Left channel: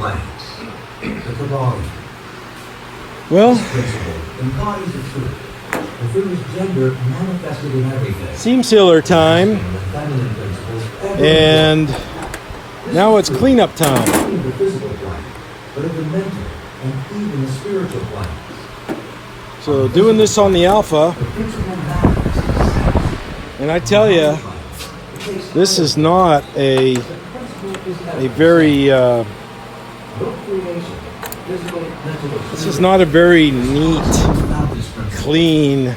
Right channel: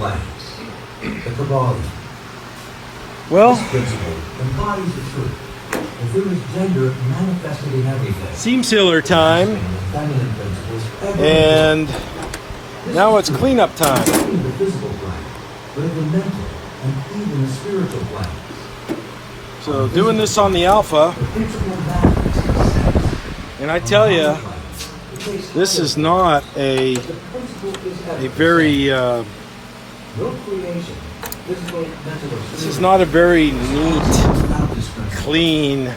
planes. The Kabbalah. Well, This principle embodies the truth. The feminine gender manifested in everything. seam sealer time, The feminine principles ever and now it's cleanup time. not only in the physical plane, but in the mental and even the spiritual planes. So doing this on the Alfa, The principle matters. and I tell you, this is not a very No creation, physical, mental, or this is not a very neat, clean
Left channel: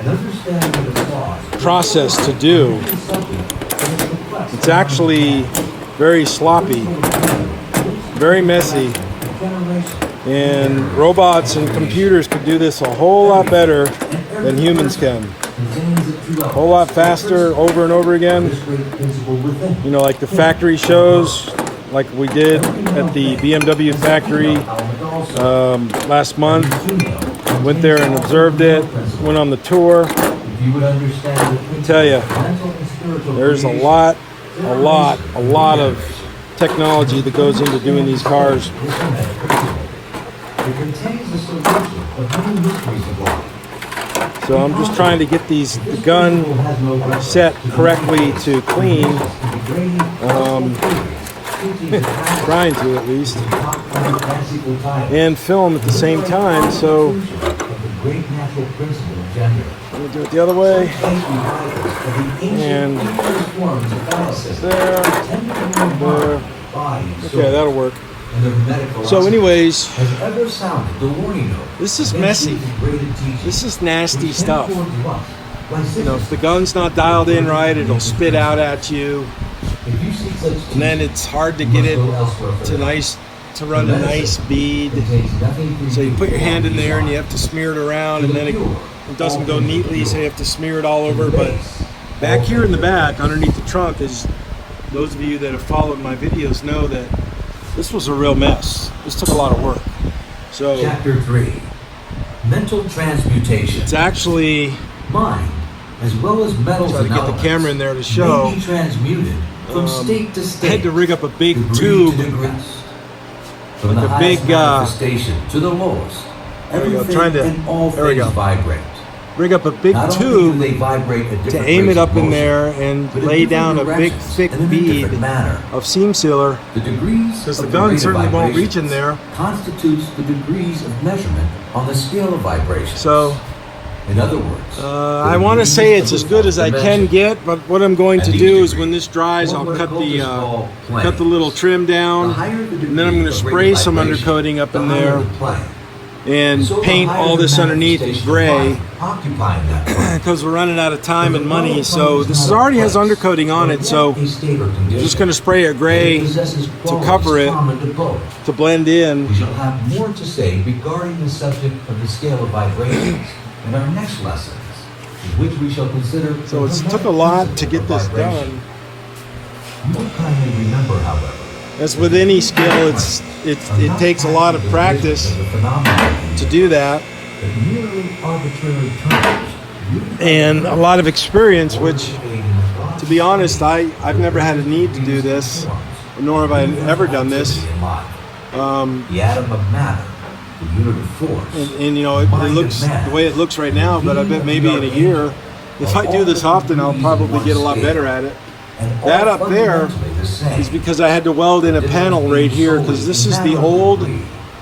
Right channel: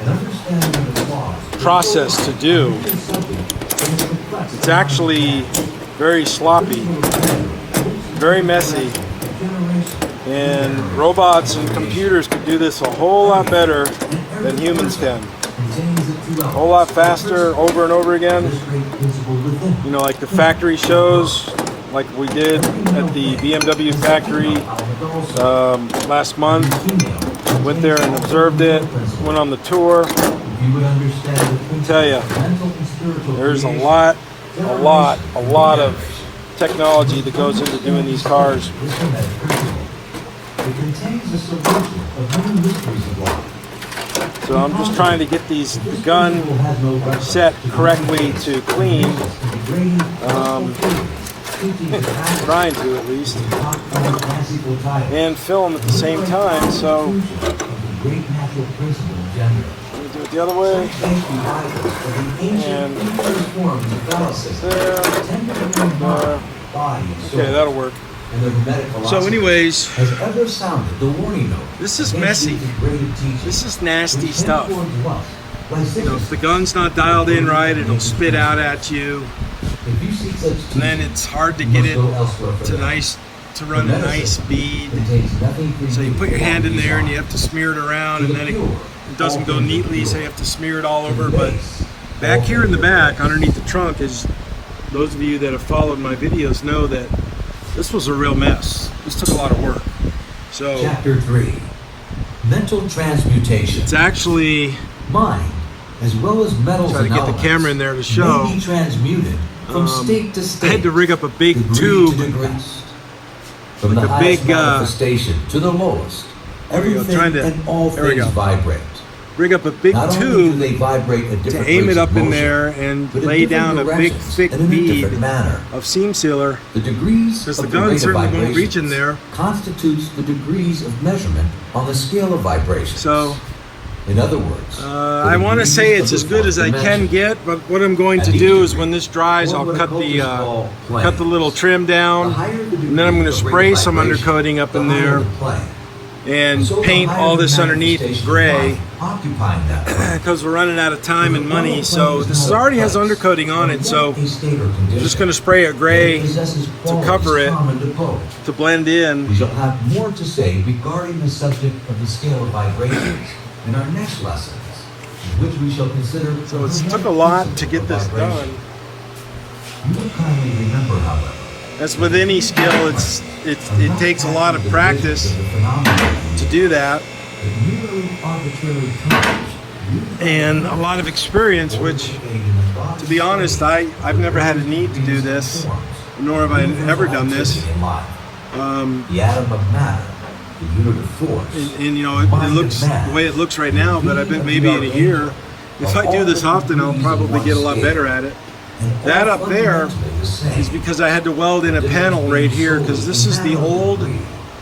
an understanding of the laws. process to do. It's actually very sloppy, very messy, and robots and computers can do this a whole lot better than humans can. A whole lot faster, over and over again. You know, like the factory shows, like we did at the BMW factory last month. Went there and observed it, went on the tour. I tell you, there's a lot of technology that goes into doing these cars. It contains the solution of many mysteries of life. So I'm just trying to get these gun set correctly to clean, trying to at least, and film at the same time. So I'll do it the other way, and okay, that'll work. So anyways, this is messy. This is nasty stuff. You know, if the gun's not dialed in right, it'll spit out at you. And then it's hard to get it to run a nice bead. So you put your hand in there and you have to smear it around, and then it doesn't go neatly, so you have to smear it all over. But back here in the back, underneath the trunk, is those of you that have followed my videos know that this was a real mess. This took a lot of work. So Chapter 3. Mental transmutation. it's actually, Mind, as well as metals try to and get the elements, camera in there to may show. be transmuted from state to I state. had to rig up a big degree tube, to degree. From like the a highest big, manifestation to the lowest. There we go, Everything trying to- and all there we things go. vibrate. rig up a big Not only do tube they vibrate at to different aim rates it of up in motion, there and but in lay different down a big directions thick and in a bead different manner. of seam sealer, The degrees because of the gun rate of certainly won't reach in vibrations there. constitutes the degrees of measurement on the scale of vibrations. So in other words, I want to say it's as good as I can get, but what I'm going to do is when this dries, I'll cut the little trim down, and then I'm going to spray some undercoating up in there and paint all this underneath in gray, because we're running out of time and money. So this already has undercoating on it, so I'm just going to spray it gray to cover it, to blend in. We shall have more to say regarding the subject of the scale of vibrations in our next lessons, in which we shall consider. So it took a lot to get this done. You will kindly remember, however, As with any skill, it takes a lot of practice to do that, and a lot of experience, which, to be honest, I've never had a need to do this, nor have I ever done this. The atom of matter, the unit of force. And you know, it looks the way it looks right now, but I bet maybe in a year, if I do this often, I'll probably get a lot better at it. That up there is because I had to weld in a panel right here, because this is the old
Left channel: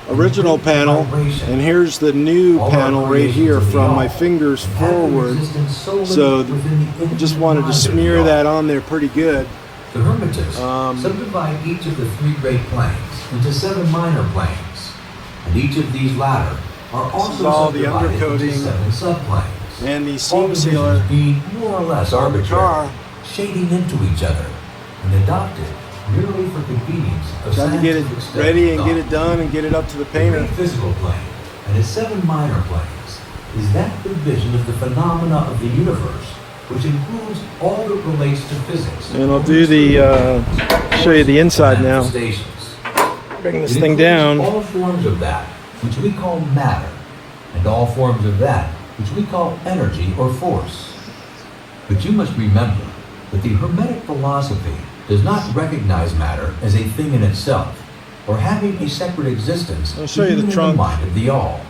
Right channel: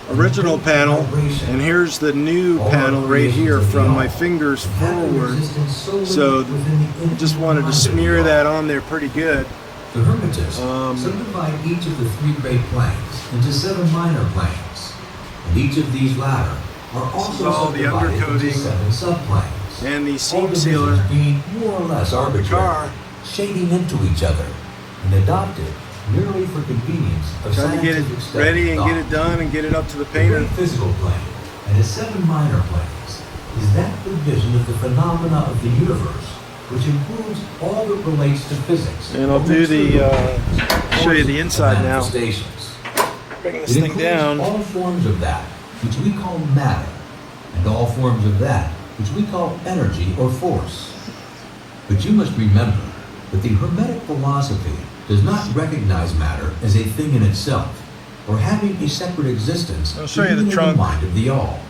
original panel, and here's the new panel right here from my fingers forward. So I just wanted to smear that on there pretty good. The Hermetists subdivide each of the 3 great planes into 7 minor planes, and each of these latter are also all the subdivided into undercoating 7 subplanes. And the All seam divisions sealer being more or less arbitrary, car. shading into each other, and adopted merely for convenience. Trying to get it ready and get it done and get it up to the painter. The physical plane and its 7 minor planes is that division of the phenomena of the universe, which includes all that relates to physics. And I'll do the show you the inside now. Manifestations. Bring It this thing includes down. all forms of that which we call matter, and all forms of that which we call energy or force. But you must remember that the Hermetic philosophy does not recognize matter as a thing in itself, or having a separate existence I'll show you the in trunk. mind of the all.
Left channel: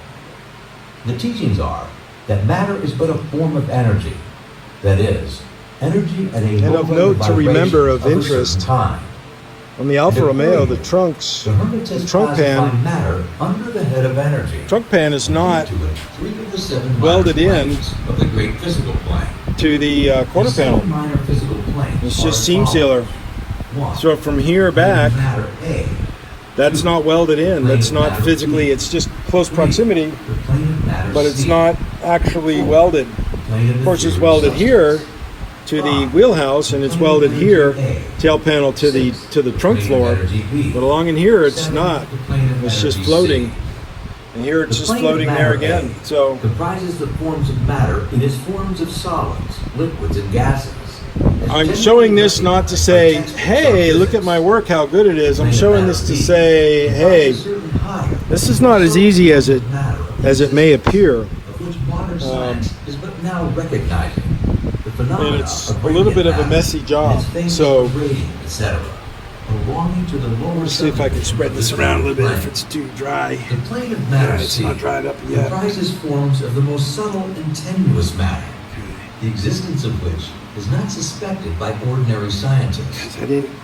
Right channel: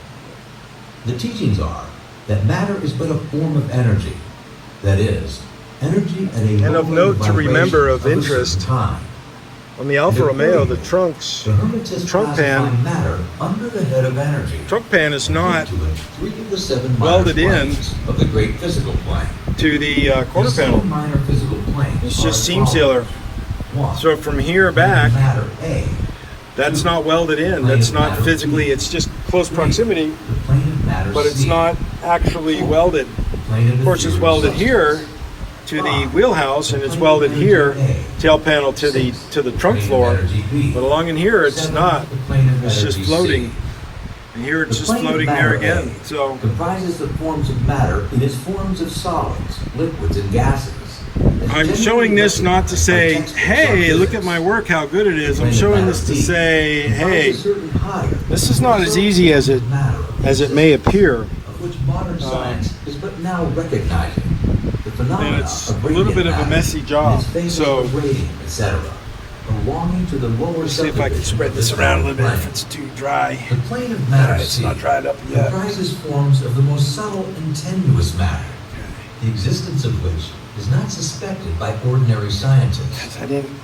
The teachings are that matter is but a form of energy. That is, energy at a And of note to remember of interest, time. on the Alfa Romeo, the trunk pan, matter under the head of energy. trunk pan is not To the 3 of the 7 welded minor in planes of the great physical plane. to the quarter The 7 panel. minor physical planes It's are just as seam follows. sealer. 1. So from here back, Matter A. that's not welded in. That's not physically, it's just close proximity, The plane of matter but it's C. not actually welded. Plane Of course, it's welded here to the wheelhouse, and it's welded here, tail panel to the trunk floor. But along in here, it's not. It's just floating. And here it's just floating there again. So comprises the forms of matter in its forms of solids, liquids, and gases. I'm showing this not to say, hey, look at my work, how good it is. I'm showing this to say, hey, this is not as easy as it may appear. Of which modern science is but now recognizing the phenomena And it's of a little bit of a radiant messy matter, job. its phases So of radium, etc., belonging to the lower see if I can spread this around a little bit if it's too dry. The plane of matter It's not dried up yet. comprises forms of the most subtle and tenuous matter, the existence of which is not suspected by ordinary scientists. I didn't.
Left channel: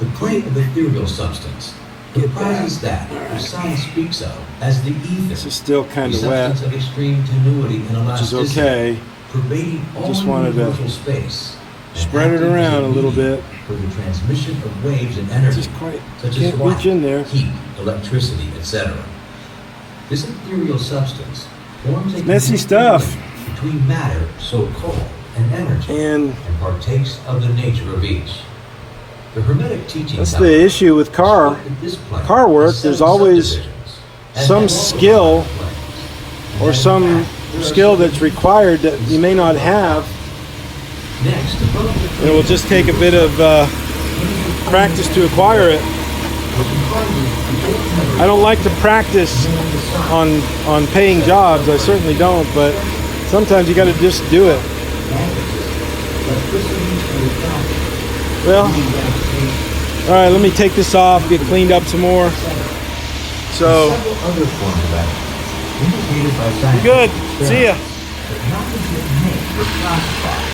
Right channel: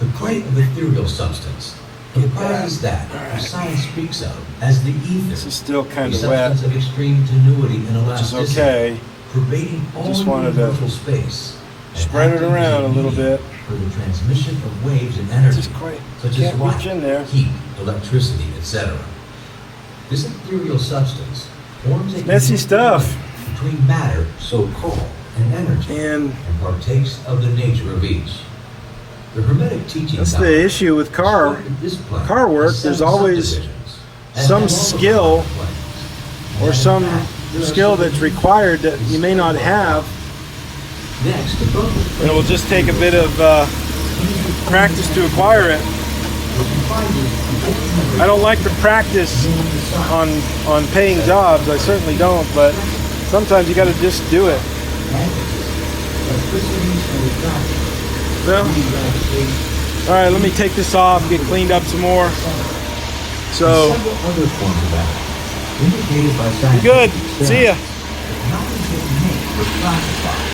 The plane of ethereal substance comprises that which science speaks of as the ether, This is still a kind of wet, substance of extreme tenuity and which is elasticity, okay. pervading all Just wanted to universal space, and spread it acting as around a little medium bit. for the transmission of waves and energy, Just quite such as can't light, reach in there. heat, electricity, etc. This ethereal substance forms a Messy connecting stuff. link between matter, so called, and energy, And and partakes of the nature of each. The Hermetic teachings that's the issue with car work. There's always some skill or some skill that's required that you may not have. Next, And it will just take a bit of practice to acquire it. I don't like to practice on paying jobs. I certainly don't, but sometimes you got to just do it. Well, all right, let me take this off, get cleaned up some more. So, Good. See ya.